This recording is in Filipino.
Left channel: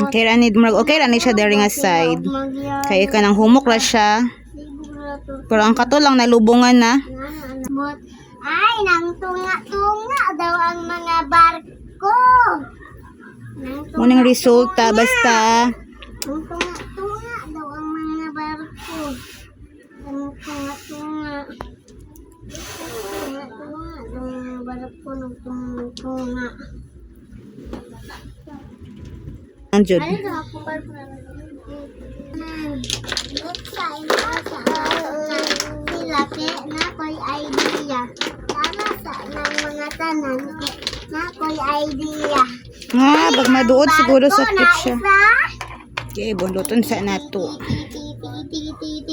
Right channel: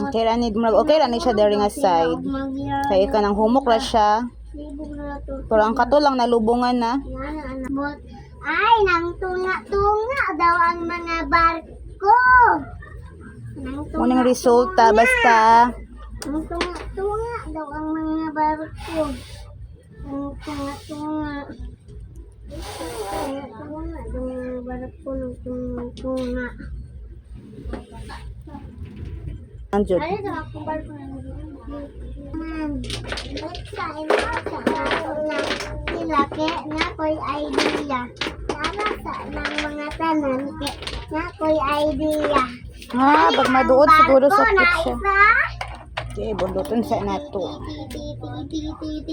Okay ra ni siya dari nga side. Kaya ka nang humok ra siya. Pero ang kato lang nalubungan na. Ay, nang tunga-tunga daw ang mga barko. Unang resulta basta Nang tunga-tunga daw ang mga barko. Nang tunga-tunga. Tunga-tunga daw ang mga barko. Nang tunga-tunga. ang jud. Ay, daw akong barko na sa ina sa ato na sila kay na ko'y idea. Tama sa ng mga tanan kay na ko'y idea. Nga bag maduot siguro sa kitchen. Isa. Okay, bunduton sa nato. Titi, titi, titi,